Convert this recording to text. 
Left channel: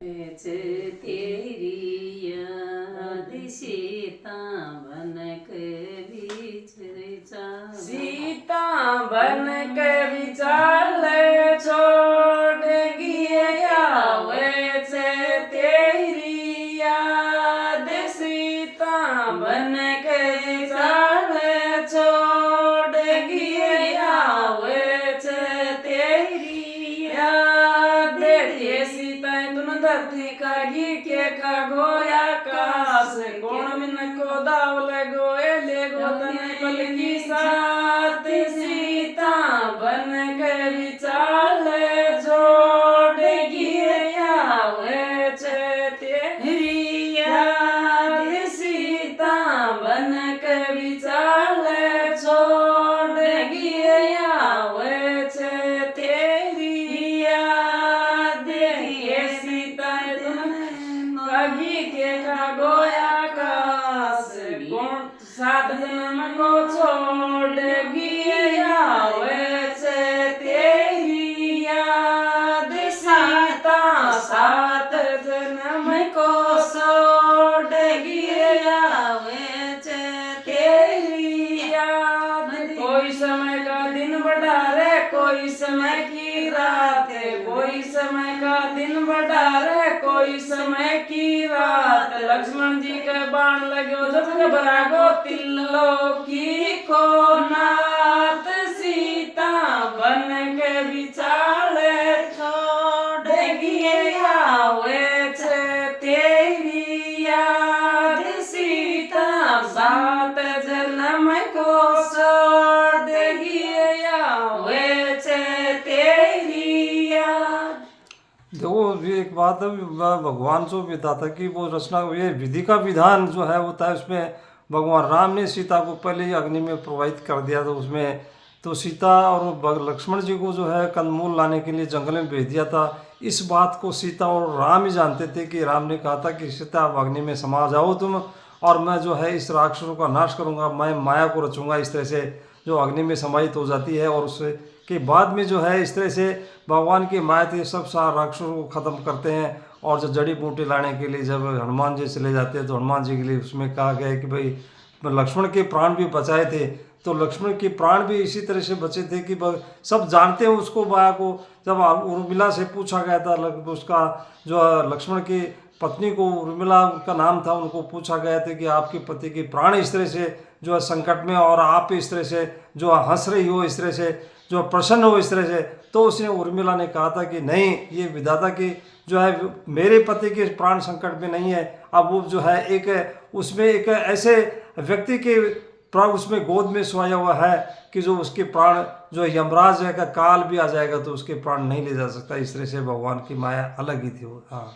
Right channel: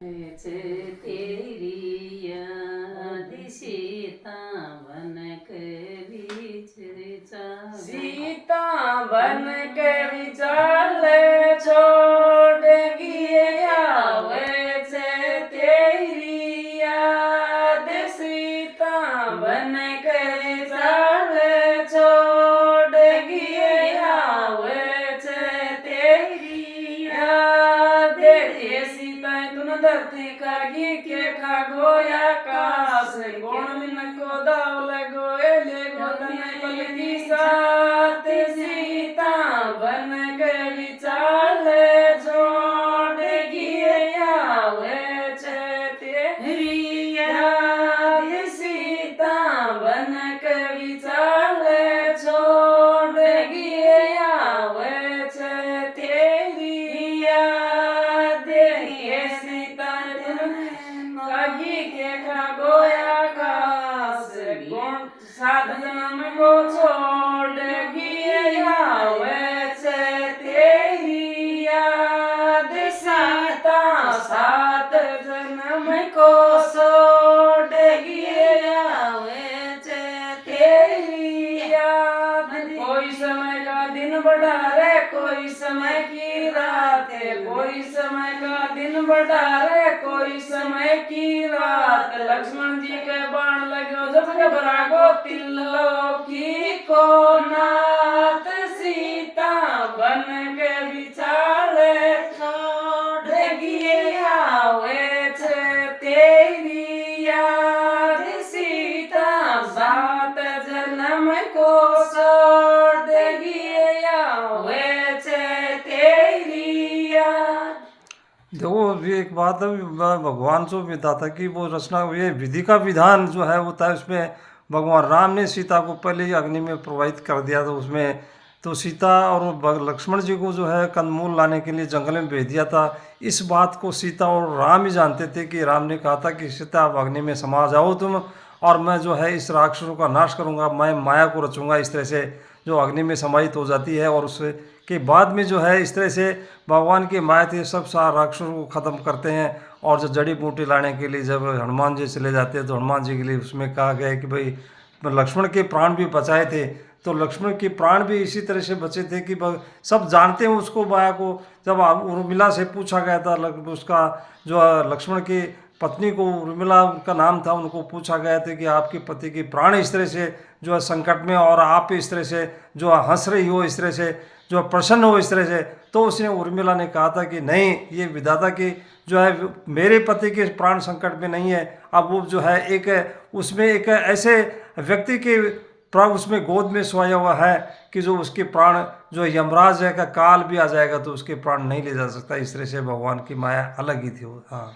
तेरी याद सीता बन करी चाल, सीता बन करी चाल छोड़गी आवे छे तेरी याद। सीता बन करी चाल छोड़गी आवे छे तेरी याद। देखिए सीता तुन धरती खागी के खागो आकाश, कौन मिनको दावल गोए ले गो तने पलकी साथ। सीता बन करी चाल छोड़गी आवे छे तेरी याद। सीता बन करी चाल छोड़गी आवे छे तेरी याद। ये सीता तुम खागी के खागो आकाश, कौन सात जन्म को छोड़गी आवे छे तेरी याद। सीता सात जन्म को छोड़गी आवे छे तेरी याद। कोई समय का दिन बड़ा रे कोई समय की रात है, कोई समय का दिन बड़ा रे कोई समय की रात। लक्ष्मण जी के बाण लगो जब घबरा गो त्रिलोकी को नाथ। सीता बन के बिचाल छोड़गी आवे छे तेरी याद। सीता सात जन्म को छोड़गी आवे छे तेरी याद। देखो भी एक बात है, भगवान जो विधा था कि वो रचना ये विधि का विधान जो है होता है, उसमें भगवान राम ने सीता को पहले ही अग्नि में प्रवाहित कर दिया। तो उसमें तो सीता और लक्ष्मण जी को जो है कंदमूल लाने के लिए जंगल में भेज दिया था। इस बात को सीता और राम ही जानते थे कि राम ने कहा था कि सीता आप अग्नि में समा जाओ तुम, और मैं जो है इस राक्षसों का नाश करूँगा, मैं माया को रचूँगा। इस तरह से जो अग्नि में समाहित हो जाती है, और उससे के बाद में जो है इस तरह से भगवान की माया थी, सब सारा राक्षसों को ख़त्म करते हैं। और जब जड़ी बूटी लाने के लिए जब हनुमान जी चले जाते हैं, तो हनुमान जी के लिए उसमें कहा गया है कि भाई लक्ष्मण के प्राण भी बचाए थे। तो लक्ष्मण के प्राण भी इसी तरह से बचे थे कि सब जानते हैं उसको, माया को। जब उर्मिला से पूछा गया था, उसका जो लक्ष्मण की पत्नी को उर्मिला का नाम था, उनको पूछा गया था कि आपके पति के प्राण इस तरह से जो है संकट में, और आप इस तरह से जो हंस रही हो, इस तरह से जो प्रसन्न हो इस तरह से। तो उसने उर्मिला ने कहा था कि नहीं, ये विधाता की जो है मेरे पति के प्राण संकट में नहीं है। अब वो जो है एक उसमें एक ऐसे व्यक्ति के प्राण उसमें गोद में सोया हुआ है कि जो उसके प्राण जो यमराज है का काल भी आ जाएगा तो उसके प्राण नहीं ले जा सकता। इस तरह से भगवान की माया अलग ही थी वो। हाँ।